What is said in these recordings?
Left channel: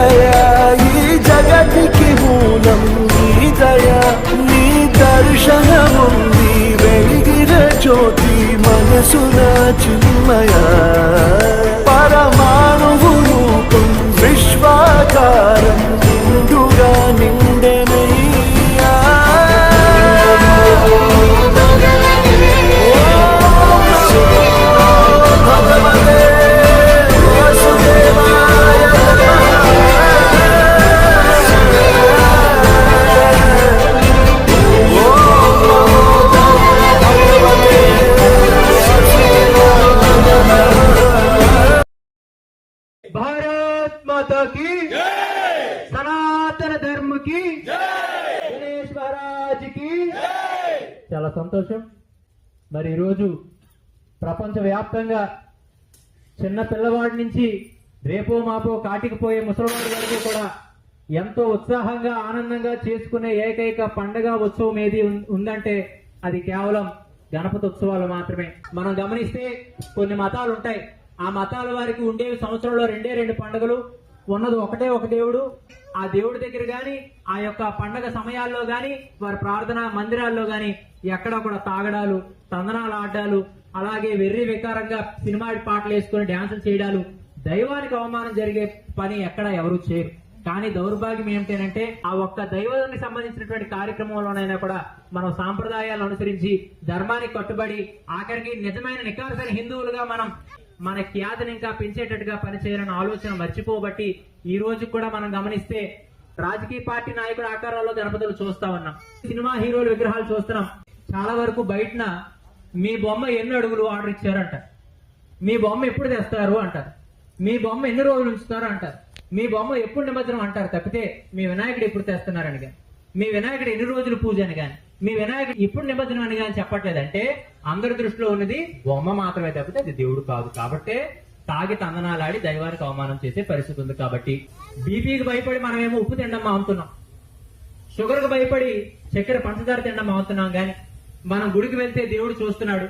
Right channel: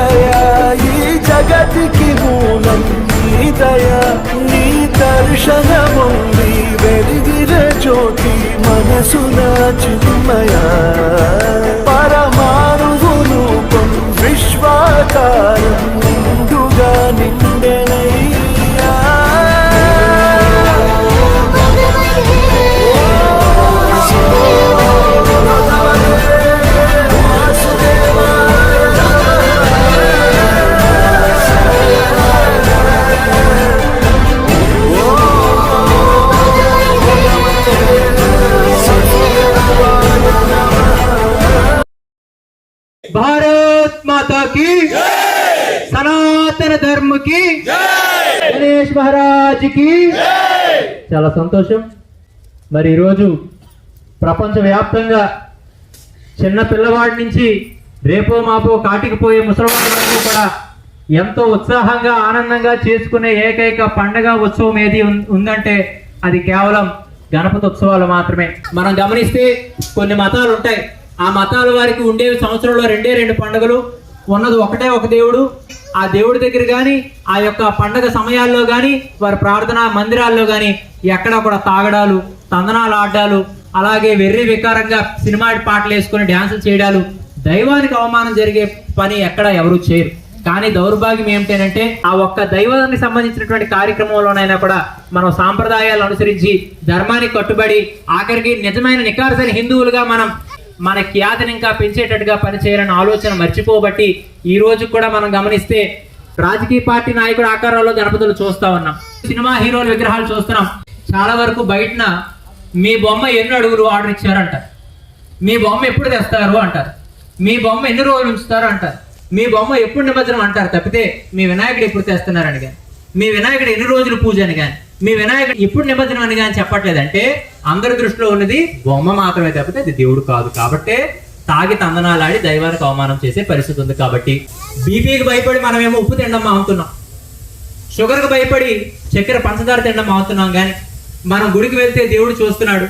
దయా ఈ జగతికి మూలం నీ దయా. నీ దర్శనముంది వెలిగిన జ్యోతి మనసున చిన్మయా. మాతాకి సనాతన ధర్మకి గణేష్ మహారాజ్కి. చాలా సంతోషం. మరి ఈరోజు ప్రపంచవ్యాప్తంగా చిన్న పిల్లవాడి నుంచి రేపో మాపో కాటికి పోయే వరకు కూడా ఎంతో ఉత్సాహంగా ఆనందంగా చేసుకునే ఏకైక పండగ ఉత్సవం ఏది ఉందంటే అది కేవలం గణపతి ఉత్సవాలు మాత్రమే. మనం గమనిస్తే కొన్ని మతాలు ఉంటాయి ఆ మతాల వారికి ఉండేవి సంవత్సరంలో రెండే రెండు పండుగలు. ఉన్నది ఒకటే ఒక దేవుడు. ఆ దేవుడి దగ్గర కానీ ఆ యొక్క పండగ సమయాల్లో కానీ వారి ప్రార్థనా మందిరాల్లో కానీ ఎక్కడ కూడా తాగడాలు తందనాలు ఆడాలు అలాగే వెర్రి వికారంగా సినిమా పాటలు వేసుకుని డ్యాన్సులు చేయడాలు దైవానికి అవమానం జరిగే పని ఎక్కడ ఎవరు చేయరు. కానీ దౌర్భాగ్యం ఏమిటంటే ఆ ఒక్క దైవానికి సంబంధించినటువంటి కార్యక్రమంలోనైనా కూడా మనం సాంప్రదాయాలు అనుసరించి ధర్మానికి కట్టుబడి ఆఖరికి నిజమైన నికారసైన హిందువులుగా మనం మన ఖ్యాతిని ఇంకా పెంచేటట్టుగా పనిచేయాలని ఆలోచన మర్చిపోబట్టి ఈ రోజు కూడా మనం గమనిస్తే రాజకీయ పార్టీ నాయకుడు ఆకారంలో గణపతులు చూస్తా ఉన్నాం. సినిమా హీరోల విగ్రహాలు చూస్తున్నాం. చాలా వరకు బయటన మీ బొమ్మ ఎన్ని అడుగులు ఆర్డర్ ఇచ్చారంట? మీ బొమ్మ ఎప్పుడు తెస్తారు అంటారు. మీ బొమ్మ ఎన్ని రోజులు ఉంచుతారు అంటారు. మీ బొమ్మ ఎప్పుడు నిమజ్జనం అంటారు తప్పితే మీ వినాయకుడు ఎప్పుడు తెస్తున్నారని కానీ. మీ వినాయకుడు ఎన్ని రోజులు పూజ అని కానీ మీ వినాయకుడు ఎప్పుడు నిమజ్జనం అని కానీ చెప్పట్లేదంటే అందరి దృష్టిలో ఉన్నది బొమ్మ మాత్రమే తప్పితే అది దేవుడు కాదు. కాబట్టే తాగి తందనాలాడి దైవానికి అవమానం చేసే పరిస్థితి ఉంది కాబట్టి బీపీకి భయపడి మనమేమో ఉప్పు తినడం మాగుతున్నాం షుగర్కి భయపడి చక్కెర పంచదార తినడం అవుతున్నాం కానీ మనం గుడికి వెళ్తే దేవుడు చూస్తున్నాడు.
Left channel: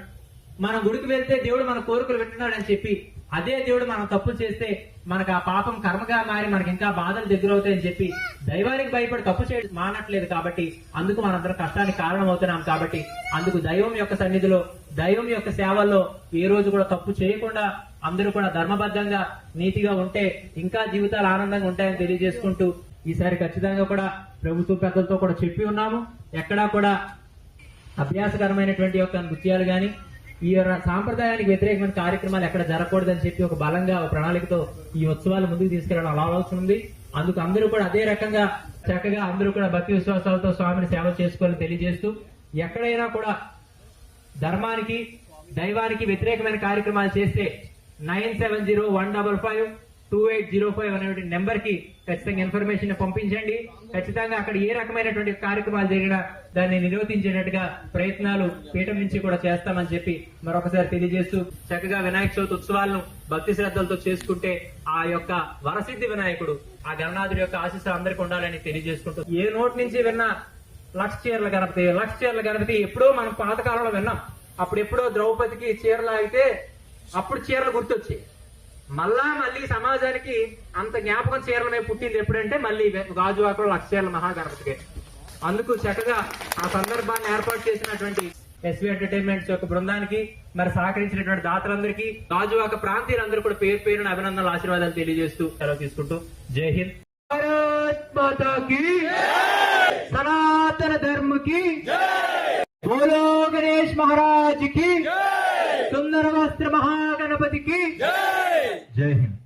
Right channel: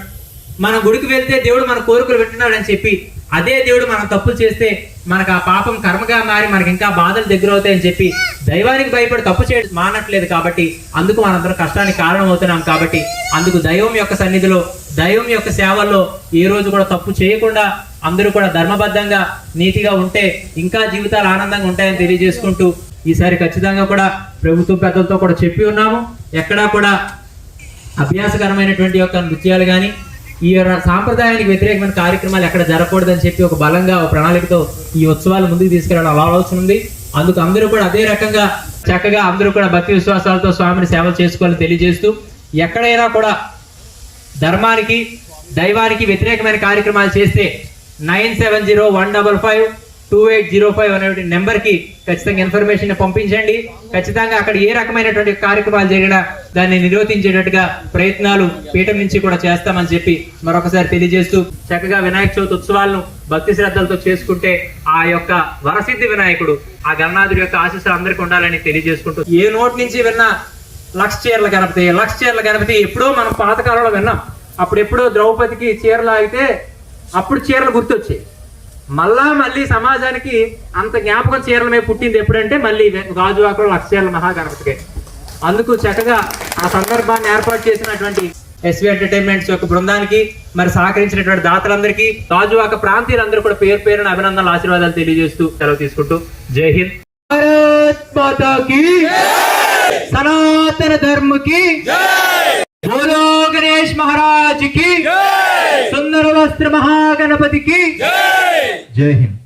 మనం గుడికి వెళ్తే దేవుడు మన కోరికలు వింటున్నాడు అని చెప్పి అదే దేవుడు మనం తప్పులు చేస్తే మనకు ఆ పాపం కర్మగా మారి మనకి ఇంకా బాధలు దగ్గర అవుతాయని చెప్పి దైవానికి భయపడి తప్పు చేయడం మానట్లేదు కాబట్టి అందుకు మనందరం కష్టానికి కారణం అవుతున్నాం కాబట్టి అందుకు దైవం యొక్క సన్నిధిలో దైవం యొక్క సేవల్లో ఏ రోజు కూడా తప్పు చేయకుండా అందరూ కూడా ధర్మబద్ధంగా నీతిగా ఉంటే ఇంకా జీవితాలు ఆనందంగా ఉంటాయని తెలియజేసుకుంటూ ఈసారి ఖచ్చితంగా కూడా ప్రభుత్వం పెద్దలతో కూడా చెప్పి ఉన్నాము. ఎక్కడా కూడా అభ్యాసకరమైనటువంటి యొక్క నృత్యాలు కానీ ఈ సాంప్రదాయానికి వ్యతిరేకమైన కార్యక్రమాలు ఎక్కడ జరగకూడదని చెప్పి ఒక బలంగా ఒక ప్రణాళికతో ఈ ఉత్సవాలు ముందుకు తీసుకెళ్ళడం ఆలోచన ఉంది. అందుకు అందరూ కూడా అదే రకంగా చక్కగా అందరూ కూడా భక్తి విశ్వాసాలతో స్వామిని సేవలు చేసుకోవాలని తెలియజేస్తూ ఎక్కడైనా కూడా ధర్మానికి దైవానికి వ్యతిరేకమైన కార్యక్రమాలు చేస్తే nine seven zero one double five two eight zero five అనే నెంబర్కి ఖచ్చితంగా ఇన్ఫర్మేషన్ పంపించండి. ఖచ్చితంగా అక్కడ ఏ రకమైనటువంటి కార్యక్రమాలు జరిగినా దాన్ని నిరోధించేటట్టుగా ప్రయత్నాలు పీఠం నుంచి కూడా చేస్తామని చెప్పి మరొకసారి తెలియజేస్తూ చక్కగా వినాయక చవితి ఉత్సవాలను భక్తి శ్రద్ధలతో చేసుకుంటే ఆ యొక్క వరసిద్ధి వినాయకుడు ఆ గణనాథుడి యొక్క ఆశీస్సులు అందరికీ ఉండాలని తెలియజేసుకుంటూ ఏ నోటి నుంచి విన్నా లక్ష చీరల గణపతి లక్ష చీరల గణపతి ఎప్పుడో మనం పాతకాలంలో విన్నాం. అప్పుడు ఎప్పుడో ద్రౌపదికి చీరలు అయితే అప్పుడు చీరలు గుర్తొచ్చాయి. మళ్ళా మళ్ళీ సమాజానికి అంత జ్ఞాపకం చీరలమే పుట్టింది ఎప్పుడంటే మళ్ళీ గాజువాకలో లక్ష్యాల మహాగణపతికే. అందుకు చక్కగా ఆ సందర్భాన్ని ఏర్పాటు చేసినటువంటి ఎస్వి ఎంటర్టైన్మెంట్స్ యొక్క బృందానికి మరి సహకరించినటువంటి దాతలందరికీ గాజువాక ప్రాంతీయులందరూ కూడా పేరు పేరున అభినందనలు ఆశీర్వాదాలు తెలియజేస్తూ సెలవు తీసుకుంటూ జై హింద్. సనాతన ధర్మకి గణేష్ మహారాజ్కి సుందర వస్త్ర మహాగణపతికి Jai